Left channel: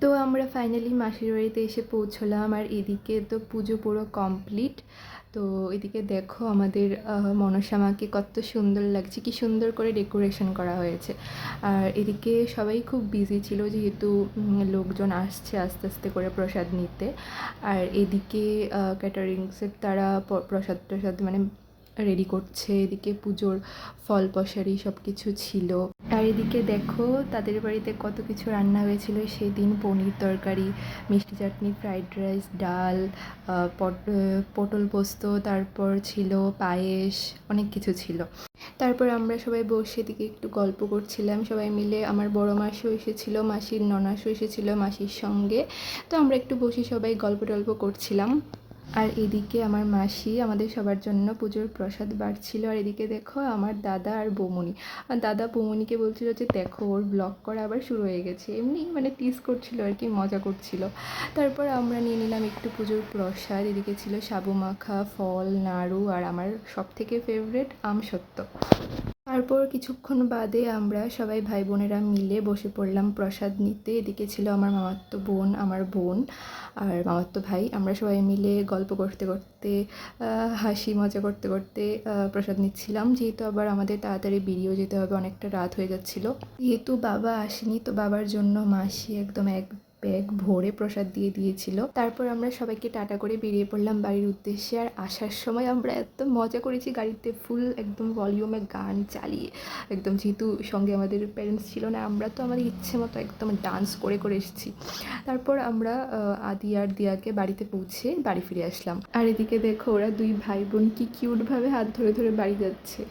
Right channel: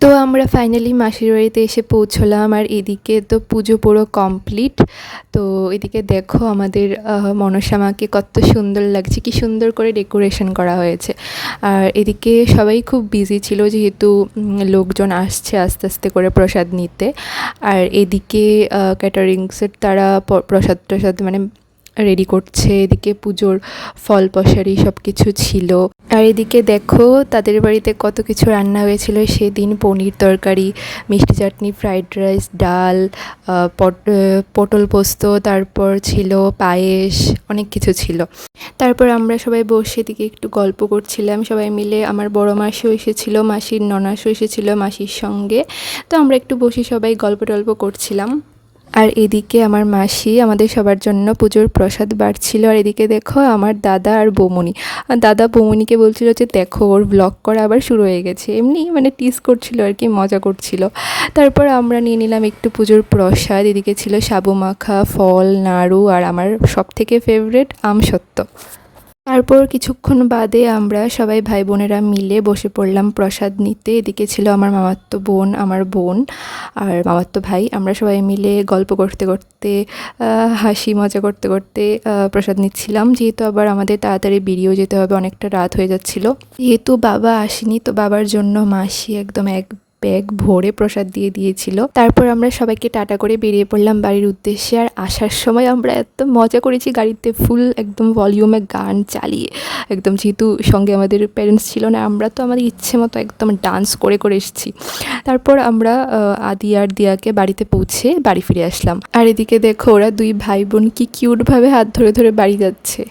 তো আমরা ফাইনালি মাসির বাড়িতে এসে পৌঁছলাম, আর এদিকে তো পুজো পুরো কমপ্লিট। তো এদিকে দেখো আমাদের মনসা মাকে কত সুন্দর লাগছে, কি সুন্দর করে ডেকোরেশন করা হয়েছে। আর এদিকে সবাই খুব বিজি ছিল, যেহেতু লোকজন আসছে আস্তে আস্তে করে প্রসাদ নিতে। আর এদিকে ক্যাটারিংসের তারা প্রসাদ টসাদ মানে রেডি করছে। এদিকে পুজোর ফল প্রসারি সব কিছু ছিল। আর এদিকে দেখো তাদের বাড়িতে কত কিছু রান্না হয়েছিল সেদিন। পনির তরকারি, মিষ্টি চাটনি, ফ্রাইড রাইস, ডাল, পটল পোস্ত, তারপর ছিল পায়েস, অনেক কিছু ছিল। তারপর আমরা সবাই বসে এদিকে একটু গল্প করছিলাম সবাই মিলে। আমার বড় মাসিও এসেছিল, মাসির ননাসও এসেছিল মাসির সঙ্গে। তো আমরা একটু বসে সবাই গল্প টল্প করছিলাম। আর এদিকে আমার মাসি আমাদের সবার জন্য পুজোর প্রসাদ বাড়ছিল। আর এদিকে দেখো আমার দাদা আর বৌমনি, দাদা বৌমনিকে বলছিল যে দেখো ওর ব্লগ করা আবার শুরু হয়ে গেছে, এমনি মানে টিজ করছিল আর কি, মজা করছিল। তারপর আমরা নিয়ে নিলাম একটু পুজোর প্রসাদ। এদিকে ছিল সাবু মাখা, ফল, নাড়ু, আর আমার সবথেকে ফেভারিট আমসত্ত্ব। তারপর কিছুক্ষণ বাদে আমরা সবাই ভাই বোনেরা মিলে বসে পড়লাম প্রসাদ নিতে। এদিকে ছিল আমার মামাতো বোন, আমার বোন আর মামাতো ভাই। আমরা সবাই মিলে গল্প করতে করতে, হাসি মজা করতে করতে প্রসাদ নিচ্ছিলাম, যেহেতু আবার আমাদের তাড়াতাড়ি বেরিয়েও যেতে হবে, অনেকটা রাত হয়ে যাচ্ছিল। যেহেতু বাবা আসেনি, তো বাবার জন্য মাসি একদম এক ব্যাগ ভরে প্রসাদ দিয়ে দিয়েছিল। তারপর আমরা সবাইকে টাটা করে বেরিয়ে পড়লাম বাড়ির উদ্দেশ্যে। আর আসার সময় আমরা এত মজা করেছি গাড়িতে, ফুল একদম ভলিউমে গান চালিয়ে, একদম, যেহেতু সঙ্গে আমাদের প্যারেন্টস ছিল না, আমরা তো আমাদের ইচ্ছে মতো একদম ডান্স করে করে এসেছি। তারপর আমরা আদি আর দিয়াকে বাড়িতে পৌঁছে বাড়ি ফিরে আসলাম। আর এদিকে দেখো ওরা দুই ভাই বোন কি কিউটভাবে হাত ধরে ধরে বাড়ি যাচ্ছে।